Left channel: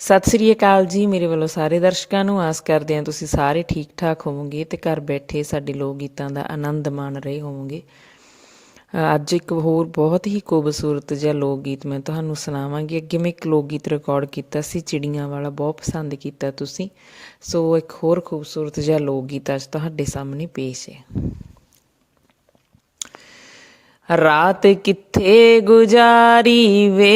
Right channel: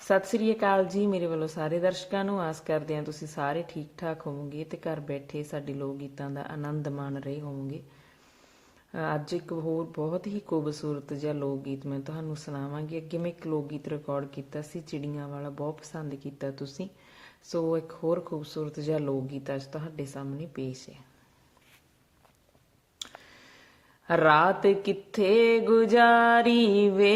ਸਤਿ ਸ੍ਰੀ ਅਕਾਲ ਜੀ, ਮੇਰੇ ਵੱਲੋਂ ਸਾਰੇ ਦਰਸ਼ਕਾਂ ਨੂੰ ਆਸ ਕਰਦੇ ਹਾਂ ਤੁਸੀਂ ਸਾਰੇ ਠੀਕ ਠਾਕ ਹੋਵੋਗੇ ਤੇ ਘਰ ਬੈਠੇ ਸਾਡੇ ਲੋਕ ਗੀਤਾਂ ਦਾ ਆਨੰਦ ਮਾਣ ਰਹੇ ਹੋਵੋਗੇ। ਅੱਜ ਇੱਕ ਹੋਰ ਬਹੁਤ ਹੀ ਖੂਬਸੂਰਤ ਜਿਹਾ ਲੋਕ ਗੀਤ ਮੈਂ ਤੁਹਾਨੂੰ ਸੁਣਾਵਾਂਗੀ। ਅੱਗੇ ਮੈਂ ਇੱਕ ਲੋਕ ਗੀਤ ਰਿਕਾਰਡ ਕੀਤਾ ਸੀ, ਚਿੜੀਆਂ ਵਾਲਾ ਬਹੁਤ ਪਸੰਦ ਕੀਤਾ ਤੁਸੀਂ। ਸੋ ਇੱਕ ਹੋਰ ਖੂਬਸੂਰਤ ਜਿਹਾ ਲੋਕ ਗੀਤ ਅੱਜ ਤੁਹਾਡੇ ਸਾਹਮਣੇ ਪੇਸ਼ ਹੈ। ਰਾਤ ਕਿੱਥੇ ਗੁਜ਼ਾਰੀ ਵੇ?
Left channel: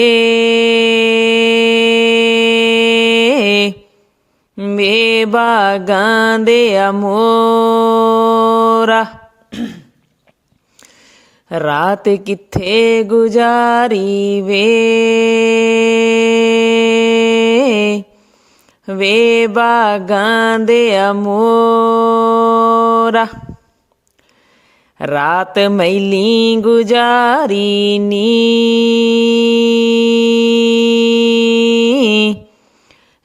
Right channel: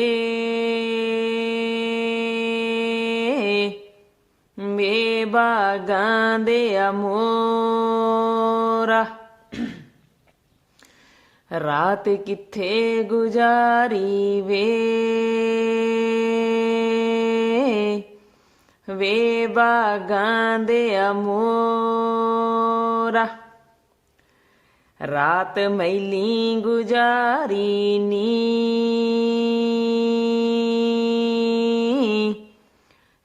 ਵੇ ਬਾਗਾਂ ਦੇ ਅਮੋਰਾ। ਰਾਤ ਕਿੱਥੇ ਗੁਜ਼ਾਰੀ ਵੇ? ਵੇ ਬਾਗਾਂ ਦੇ ਅਮੋਰਾ। ਰਾਤ ਮੈਲੀ ਗੁਜ਼ਾਰੀ ਨੀ।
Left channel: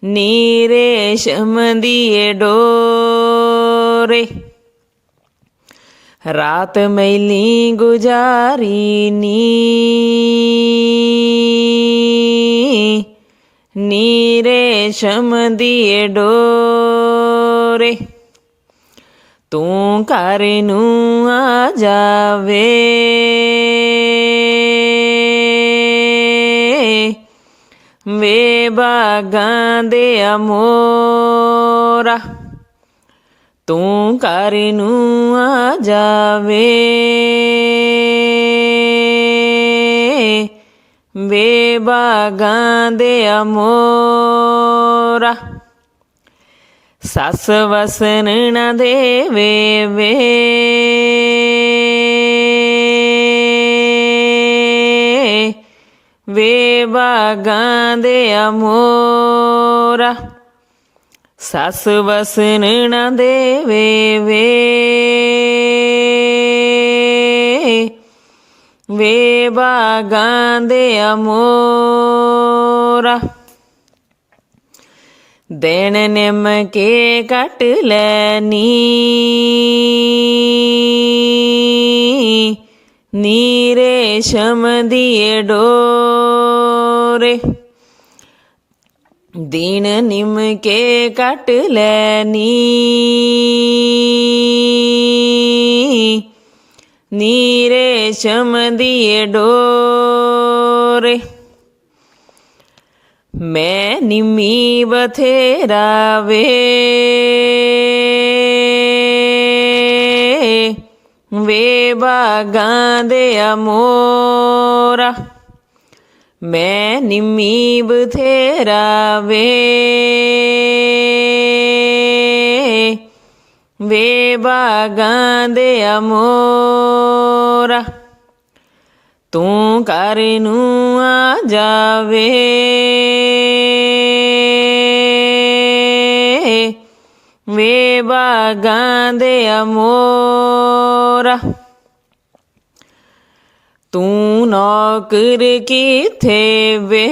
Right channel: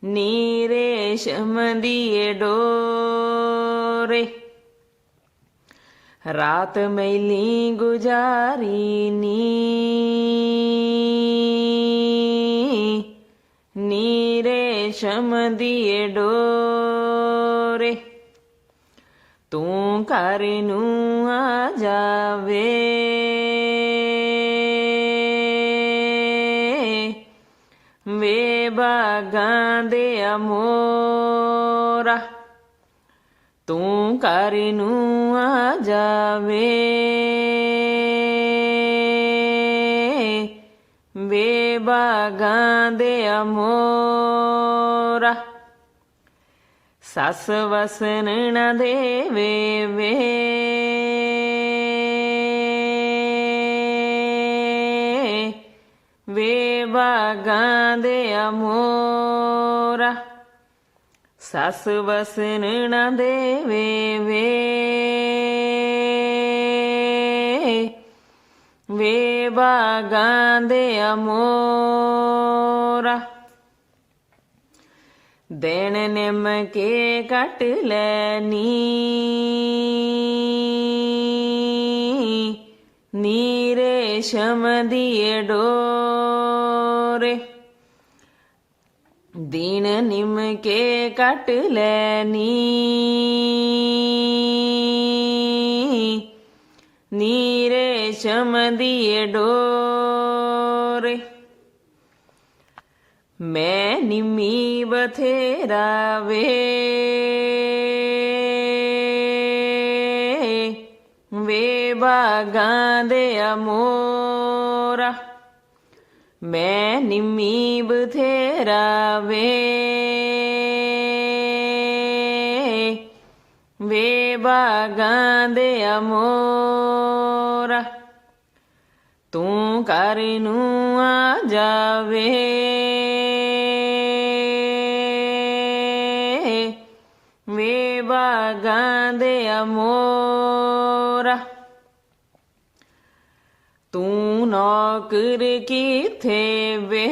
ਨੀਰੇ ਸ਼ਮਦੀਏ ਡੋਰੇ। ਰਾਤ ਮੈਲੀ ਗੁਜ਼ਾਰੀ ਨੀ। ਨੀਰੇ ਸ਼ਮਦੀਏ ਡੋਰੇ। ਤੂੰ ਘਰ ਨੂੰ ਆ ਜਾਵੇ। ਵੇ ਬਾਗਾਂ ਦੇ ਅਮੋਰਾ, ਤੂੰ ਘਰ ਨੂੰ ਆ ਜਾਵੇ। ਵੇ ਬਾਗਾਂ ਦੇ ਅਮੋਰਾ, ਸੱਸ ਵਸਨ ਨਾ ਦੇਵੇ ਵੇ। ਵੇ ਬਾਗਾਂ ਦੇ ਅਮੋਰਾ। ਸੱਸ ਵਸਨ ਨਾ ਦੇਵੇ ਵੇ। ਵੇ ਬਾਗਾਂ ਦੇ ਅਮੋਰਾ। ਦੇਣ ਨਿਮ ਕੇ ਕੱਟ ਲੈਨੀ। ਨੀਰੇ ਸ਼ਮ ਦੀਏ ਡੋਰੇ ਦੀਨ ਨਿਮ ਕੇ ਕੱਟ ਲੈਨੀ ਨੀਰੇ ਸ਼ਮ ਦੀਏ ਡੋਰੇ। ਮੈਂ ਨਿਮੀ ਬਥੇਰਾ ਵੇ ਵੇ ਬਾਗਾਂ ਦੇ ਅਮੋਰਾ। ਮੈਂ ਨਿਮੀ ਬਥੇਰਾ ਵੇ ਵੇ ਬਾਗਾਂ ਦੇ ਅਮੋਰਾ, ਤੂੰ ਘਰ ਨੂੰ ਆ ਜਾਵੇ। ਵੇ ਬਾਗਾਂ ਦੇ ਅਮੋਰਾ ਤੂੰ ਨੌਕਰ ਕਿਥੇ ਵੇ?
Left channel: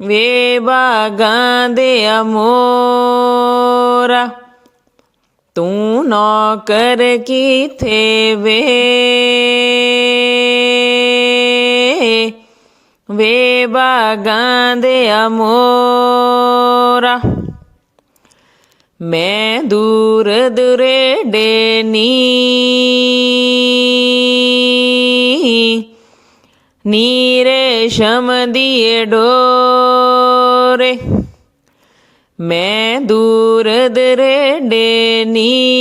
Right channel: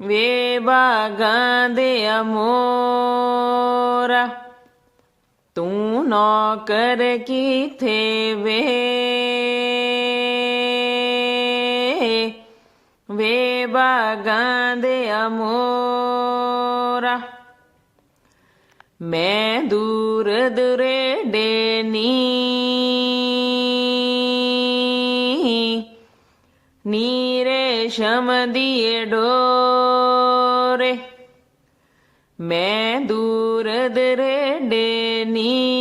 ਵੇ ਬਾਗਾਂ ਦੇ ਅਮੋਰਾ। ਤੂੰ ਨੌਕਰ ਕਿਥੇ ਵੇ? ਵੇ ਬਾਗਾਂ ਦੇ ਅਮੋਰਾ। ਮੈਂ ਦੂਰ ਦੁਰੇਡੇ ਨੀ ਨੀਰੇ ਸ਼ਮ ਦੀਏ ਡੋਰੇ। ਮੈਂ ਦੂਰ ਦਰੇ ਨੀ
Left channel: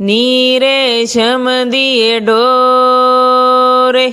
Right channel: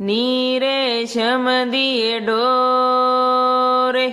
ਨੀਰੇ ਸ਼ਮ ਦੀਏ ਡੋਰੇ।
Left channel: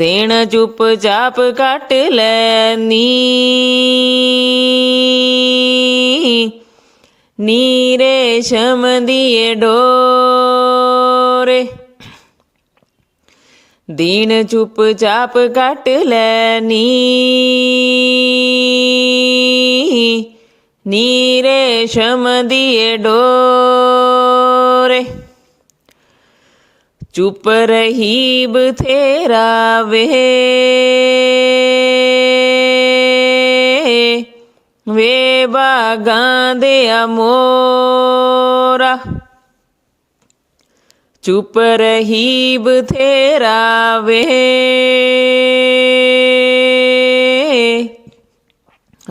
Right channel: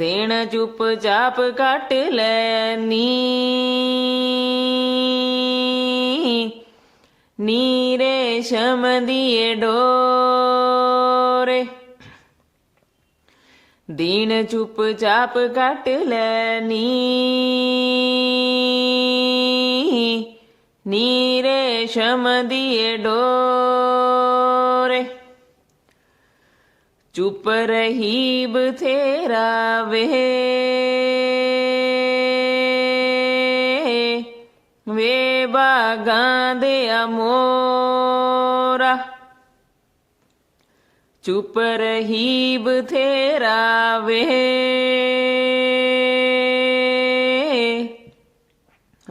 ਦੇਣ ਚੁੱਪ ਚਾਪ ਕੱਟ ਲੈਨੀ ਨੀ। ਰੇਸ਼ਮ ਦੀਏ ਡੋਰੇ। ਦੀਨ ਚੁੱਪ ਚਾਪ ਕੱਟ ਲੈਨੀ ਨੀਰੇ ਸ਼ਮ ਦੀਏ ਡੋਰੇ। ਚੁਪ ਰਹੀ ਬਥੇਰਾ ਵੇ। ਵੇ ਬਾਗਾਂ ਦੇ ਅਮੋਰਾ। ਚੁੱਪ ਰਹੀ ਬਥੇਰਾ ਵੇ।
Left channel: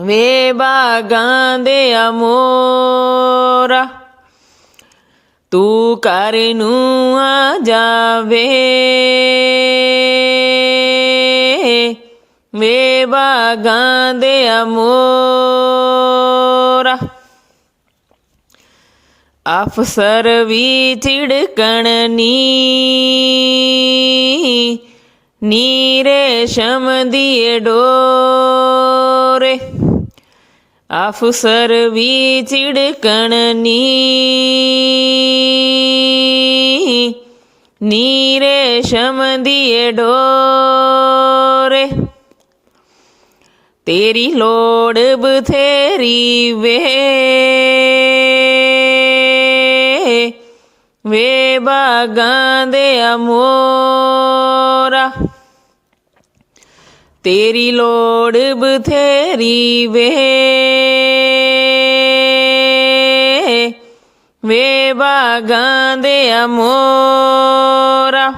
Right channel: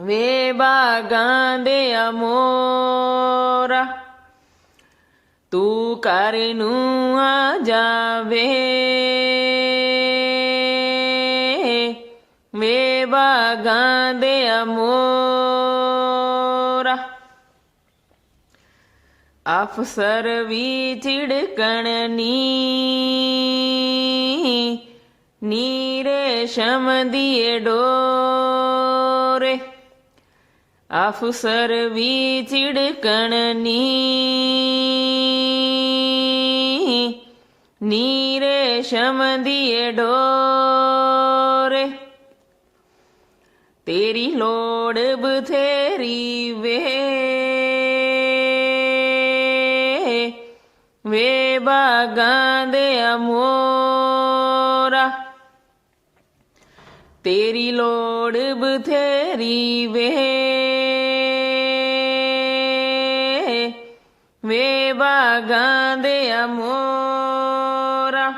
ਵੇ ਬਾਗਾਂ ਦੇ ਅਮੋਰਾ। ਤੂੰ ਕਰ ਨੂੰ ਆ ਜਾਵੇ। ਵੇ ਬਾਗਾਂ ਦੇ ਅਮੋਰਾ। ਅਫਸਰ ਵੀ ਝਿੜਕਣ ਨੀ। ਨੀਰੇ ਸ਼ਮ ਦੀਏ ਡੋਰੇ। ਅਫਸਰ ਵੀ ਝਿੜਕਣ ਨੀ। ਨੀਰੇ ਸ਼ਮ ਦੀਏ ਡੋਰੇ। ਤੇਰੀ ਲੋੜ ਬਥੇਰੀ ਵੇ। ਵੇ ਬਾਗਾਂ ਦੇ ਤੇਰੀ ਲੋੜ ਬਥੇਰੀ ਵੇ। ਵੇ ਬਾਗਾਂ ਦੇ ਅਮੋਰਾ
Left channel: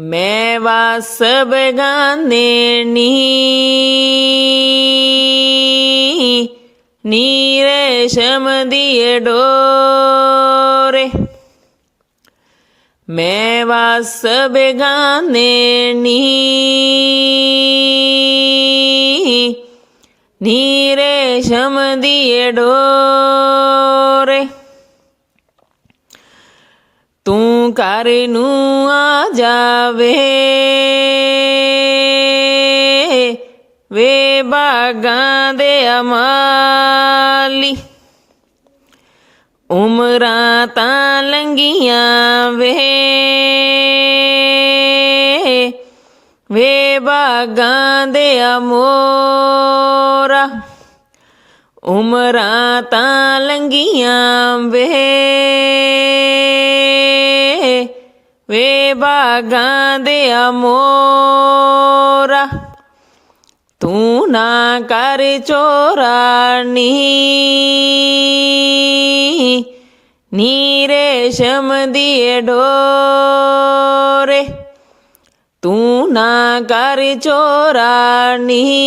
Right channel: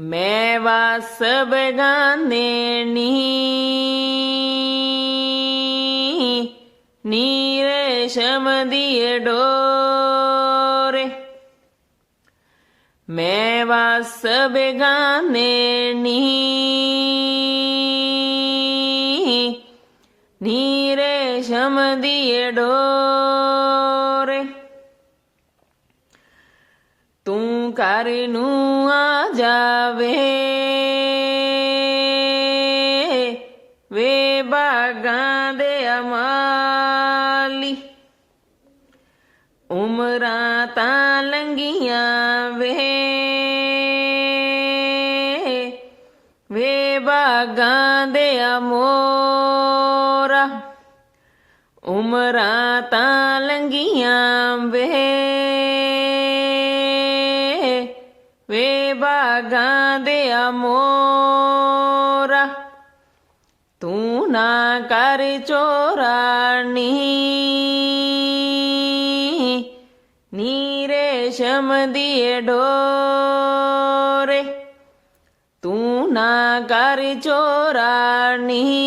ਮੈਂ ਵਾਸ ਬਗਾਨੇ ਨੀ ਨੀਰੇ ਸ਼ਮ ਦੀਏ ਡੋਰੇ। ਤੂੰ ਘਰ ਨੂੰ ਆ ਜਾਵੇ। ਵੇ ਬਾਗਾਂ ਦੇ ਅਮਾਲੀ। ਉਮਰਾਂ ਤਾਂ ਲੰਗੀਆਂ ਵੇ। ਵੇ ਬਾਗਾਂ ਦੇ ਅਮੋ ਉਮਰਾਂ ਤਾਂ ਲੰਗੀਆਂ ਵੇ। ਵੇ ਬਾਗਾਂ ਦੇ ਅਮੋਰਾ। ਤੂੰ ਨਾ ਕਰ ਚੋਰਾਨੀ ਨੀਰੇ ਸ਼ਮ ਦੀਏ ਡੋਰੇ। ਤੂੰ ਨਾ ਕਰ ਚੋਰਾਨੀ